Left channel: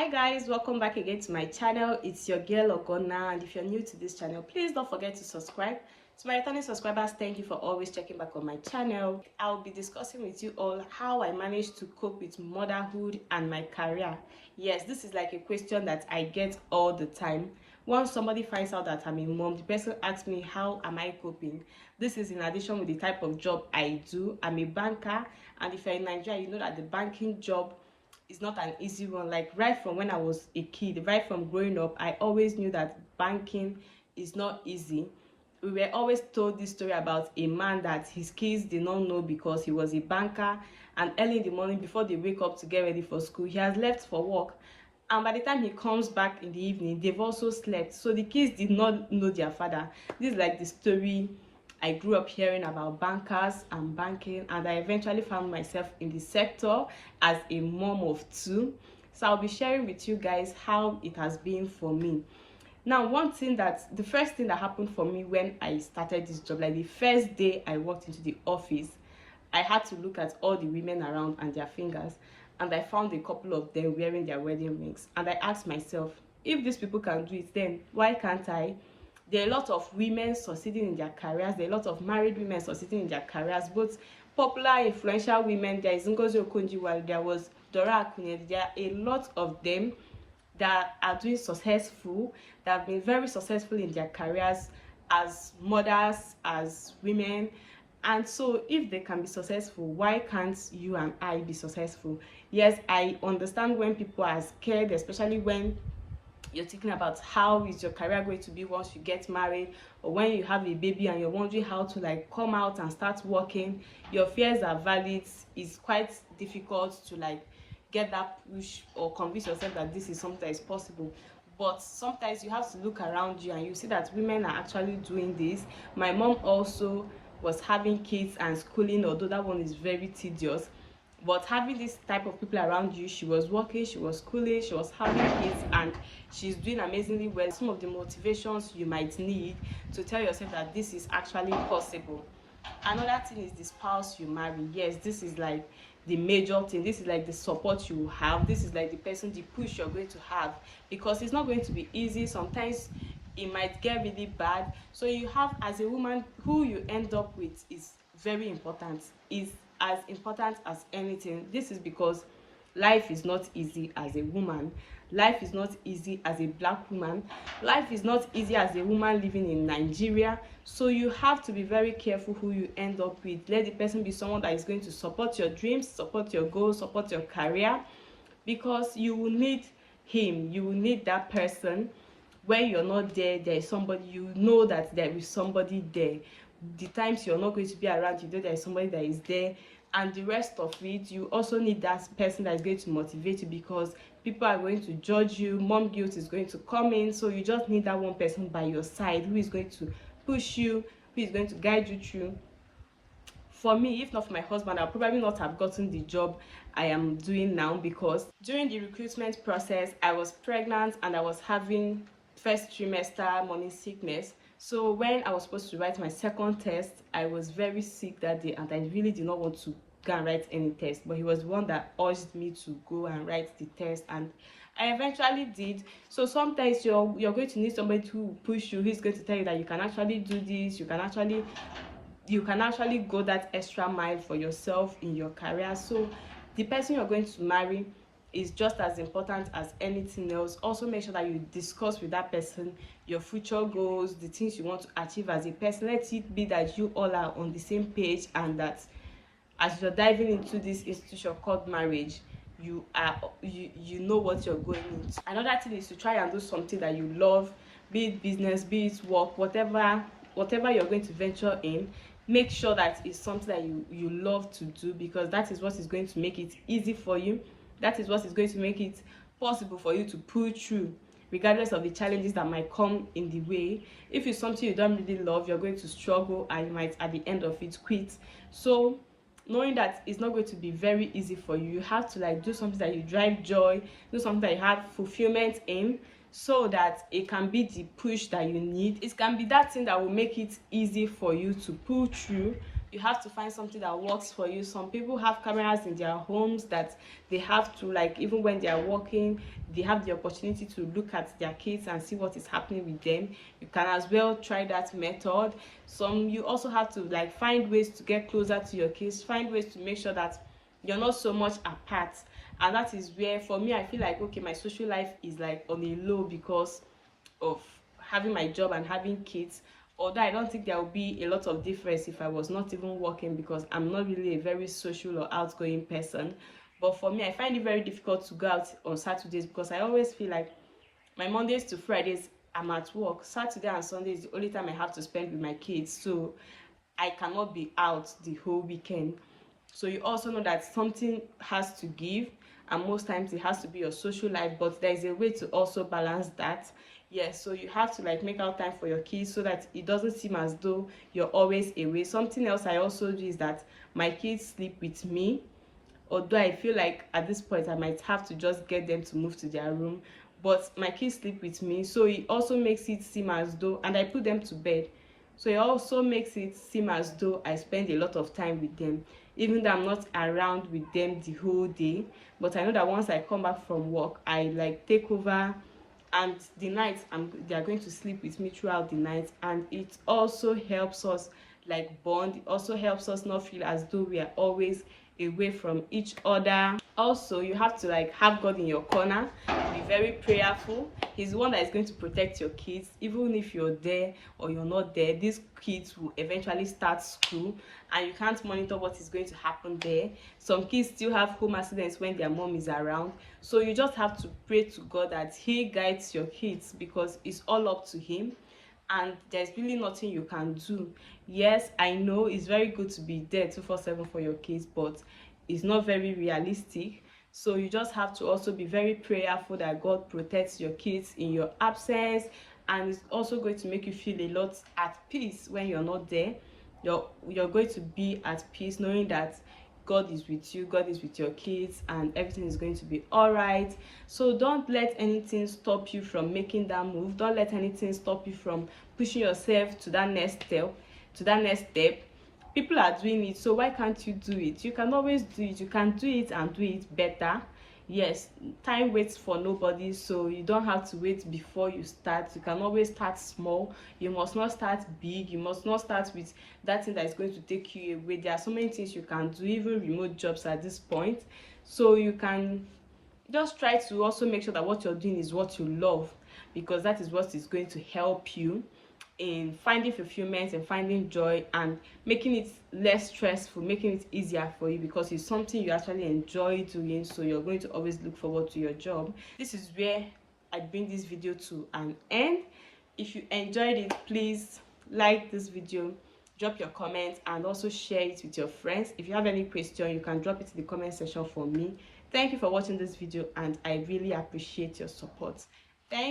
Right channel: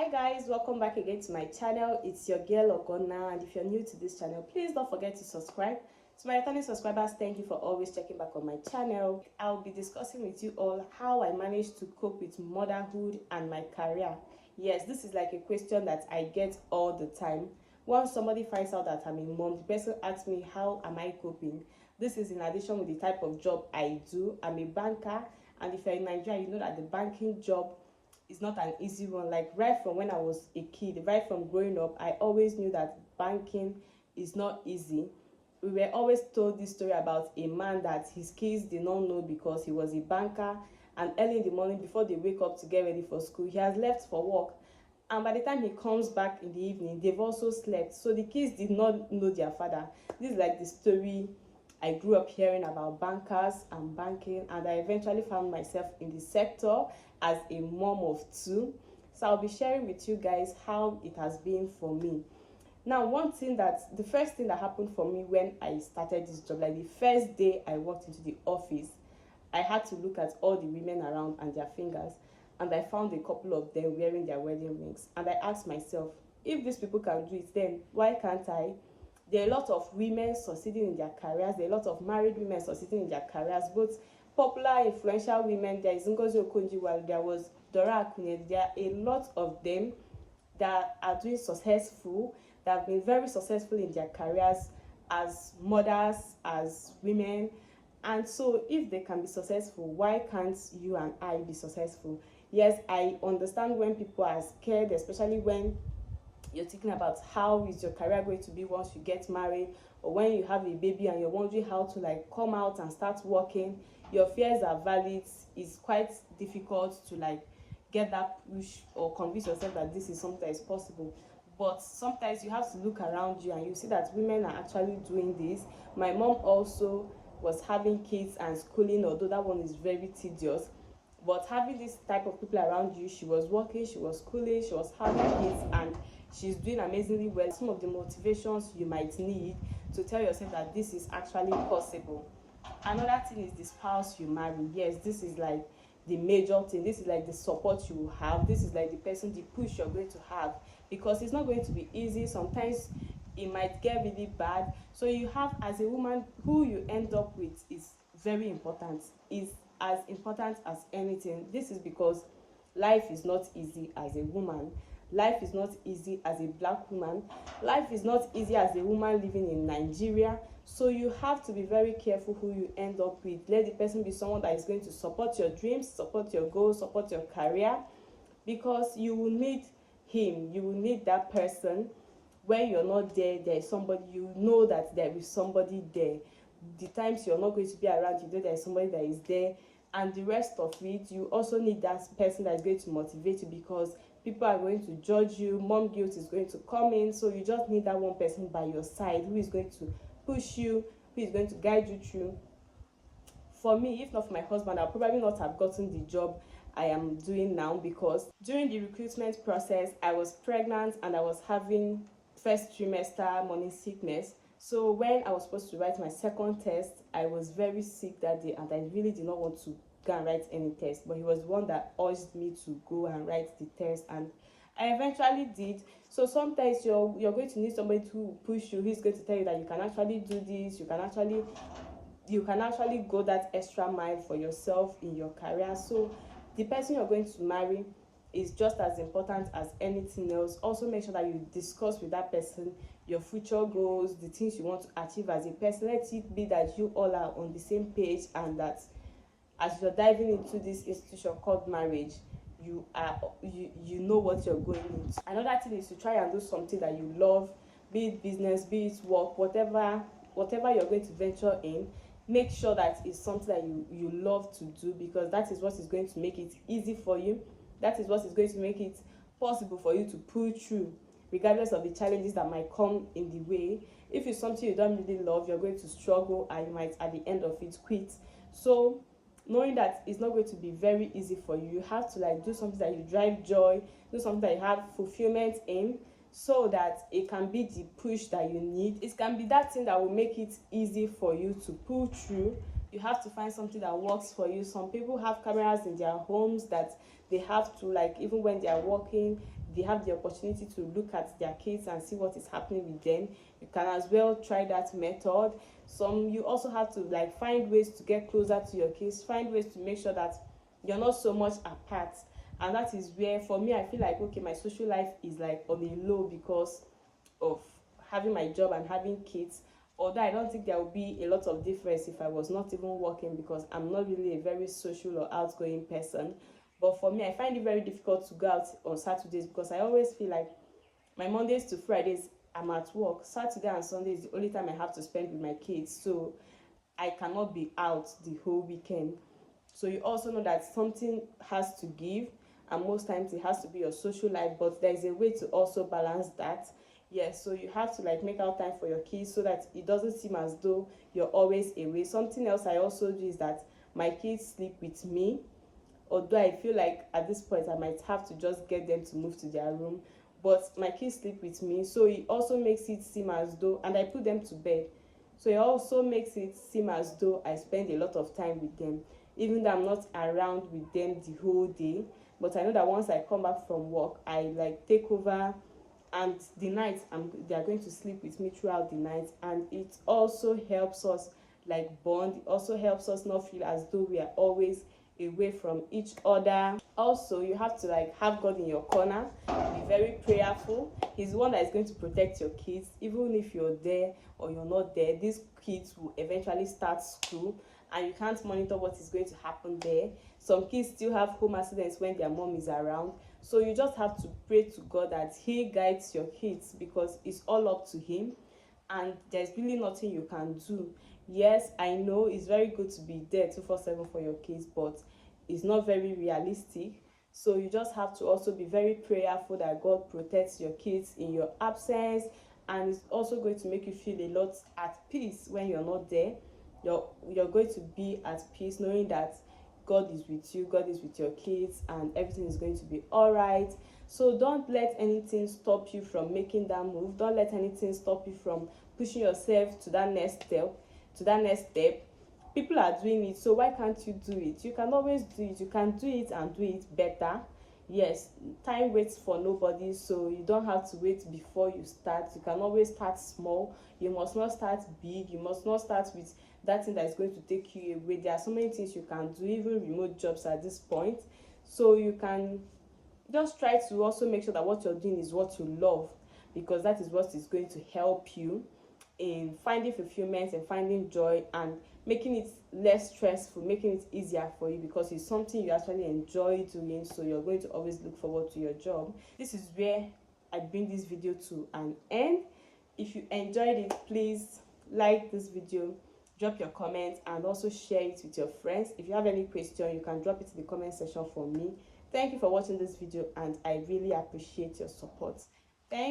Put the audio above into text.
Hi guys, welcome back again to my channel. It's your girl Ogona, and if you're new to this channel, please don't forget to subscribe. To my returning subscribers, thank you for always checking back on my channel. I'll be discussing with you all how I managed to cope with motherhood and my career. Yes, this is like a question that I get all the time. Once somebody finds out that I'm a mom, the person asks me, how am I coping? This is in addition with the type of job I do. I'm a banker, and if you're in Nigeria, you know that the banking job is not an easy one. Like right from when I was a kid, right from growing up, I always knew that banking is not easy. We were always told this story about a man that his kids did not know because he was a banker, and early in the morning before they wake up to get ready for school, he has left for work, and by the time he comes back in the evening, they've also slept. So the kids did not know their father. This is like the story I grew up hearing about bankers and banking, and I eventually found myself in the sector as a mom of two. So I'll be sharing with you guys how it has been for me. Now, the first thing that happened for me when I started this job, like the first day I walked into the office, I had to look at all the women around and their fingers, and I found a couple of them wearing their wedding rings, and I asked myself, if these people can do it, then why can't I? There are a lot of women succeeding in their careers. There are a lot of married women succeeding in their careers, both popular, influential women. There is Ngozi Okonjo-Iweala, there was Dora Akunyili. There are a lot of them that are doing successful, that have been very successful in their careers as mothers, as women. And so if they can be successful, why can't you and I be successful? Yes, I understand when people are scared, especially when you're thinking about how is your career going to be once you get married, or when you have a baby and you're wondering how to like come out and start working. Your fears are valid. It's quite difficult to like get that push or convince yourself that this is something that is possible. But sometimes you have to look around you and you see that women are actually doing this. My mom also was having kids and schooling, although that one is very tedious. But having this type of people around you, she was working, she was schooling, she was having kids, and she's doing amazingly well. Some of the motivations you might need to tell yourself that this is actually possible. Another thing is the spouse you marry. Yes, this is like the major thing. This is like the support you have. This is like the person, the push you're going to have, because it's not going to be easy. Sometimes it might get really bad. So you have, as a woman, who you end up with is very important. Is as important as anything. This is because life is not easy as a woman. Life is not easy as a black woman. Life is not easy as a woman living in Nigeria. So you have to be very careful who you end up with. Let the person be someone that is going to support your dreams, support your goals, support your career, because you will need him. You will need that person. When you're not there, there is somebody. You know that there is somebody there. The times you're not going to be around, you know there is somebody that is there. And the rest of it, you also need that person that is going to motivate you, because people are going to judge you. Mom guilt is going to come in. So you just need that one person by your side who is going to push you, who is going to guide you through. For me, if not for my husband, I'll probably not have gotten the job I am doing now, because during the recruitment process, I was pregnant and I was having first trimester morning sickness. So when I was supposed to write my second test, I was very sick that day, and I really did not want to go and write any test, but he was the one that urged me to go and write the test, and I eventually did. So sometimes you're going to need somebody to push you, who's going to tell you that you can actually do this, you can actually go that extra mile for yourself in your career. So the person you're going to marry is just as important as anything else. Also make sure that you discuss with that person your future goals, the things you want to achieve as a person. Let it be that you all are on the same page, and that as you're diving into this institution called marriage, you know what you're going into. Another thing is to try and do something that you love, be it business, be it work, whatever you're going to venture in. Make sure that it's something that you love to do, because that is what is going to make it easy for you. That is what is going to make it possible for you to pull through, regardless of the challenges that might come in the way. If it's something you don't really love, you're going to struggle, and you might at the end of it quit. So knowing that it's not going to be very easy for you, you have to like do something that you drive joy, do something that you have fulfillment in, so that it can be the push that you need. It can be that thing that will make it easy for you to pull through, You have to find something that works for you. Some people have cameras in their homes that they have to, like, even when they are working, they have the opportunity to look at their kids and see what is happening with them. You can as well try that method. You also have to, like, find ways to get closer to your kids, find ways to make sure that you're not so much apart. And that is where, for me, I feel like, okay, my social life is like on a low because of having my job and having kids. Although I don't think there will be a lot of difference if I was not even working, because I'm not really a very social or outgoing person. But for me, I find it very difficult to go out on Saturdays, because I always feel like my Mondays to Fridays I'm at work. Saturday and Sunday is the only time I have to spend with my kids, so I cannot be out the whole weekend. So you also know that something has to give, and most times it has to be your social life, but there is a way to also balance that. Yes, so you have to, like, make out time for your kids so that it doesn't seem as though you're always away. Something else I also do is that my kids sleep with me, although I feel like at this point I might have to just get them to move to their room, but my kids sleep with me, so it also makes it seem as though, and I put them to bed, so it also makes it seem as though I spend a lot of time with them, even though I'm not around with them the whole day. But I know that once I come back from work, I, like, take over, and the night they are going to sleep with me throughout the night, and it also helps us, like, bond. It also helps us not feel as though we are always away from each other. Also, you have to, like, have God in your corner, be very prayerful. He's the one that is going to protect your kids. Even if you're there or you're not there, these kids will eventually start school, and you can't monitor what is going to happen there. Some kids still have home accidents when their mom is around, so you just have to pray to God that he guides your kids, because it's all up to him, and there's really nothing you can do. Yes, I know it's very good to be there 247 for your kids, but it's not very realistic. So you just have to also be very prayerful that God protects your kids in your absence, and it's also going to make you feel a lot at peace when you're not there. You're going to be at peace knowing that God is with you, God is with your kids, and everything is going to be all right. So don't let anything stop you from making that move. Don't let anything stop you from pushing yourself to that next step. People are doing it, so why can't you do it? You can always do it. You can do it and do it better. Yes, time waits for nobody, so you don't have to wait before you start. You can always start small. You must not start big. You must not start with that thing that is going to take you away. There are so many things you can do, even remote jobs at this point. So you can just try to also make sure that what you're doing is what you love, because that is what is going to help you in finding fulfillment and finding joy, and making it less stressful, making it easier for you, because it's something you actually enjoy doing, so you're going to always look forward to your job. This is where I bring this video to an end. If you enjoyed it, please like this video, drop your comments, and also share it with your friends. If you have any question, you can drop it in the comment section for me. Thank you for watching this video, and I really appreciate your support. Thank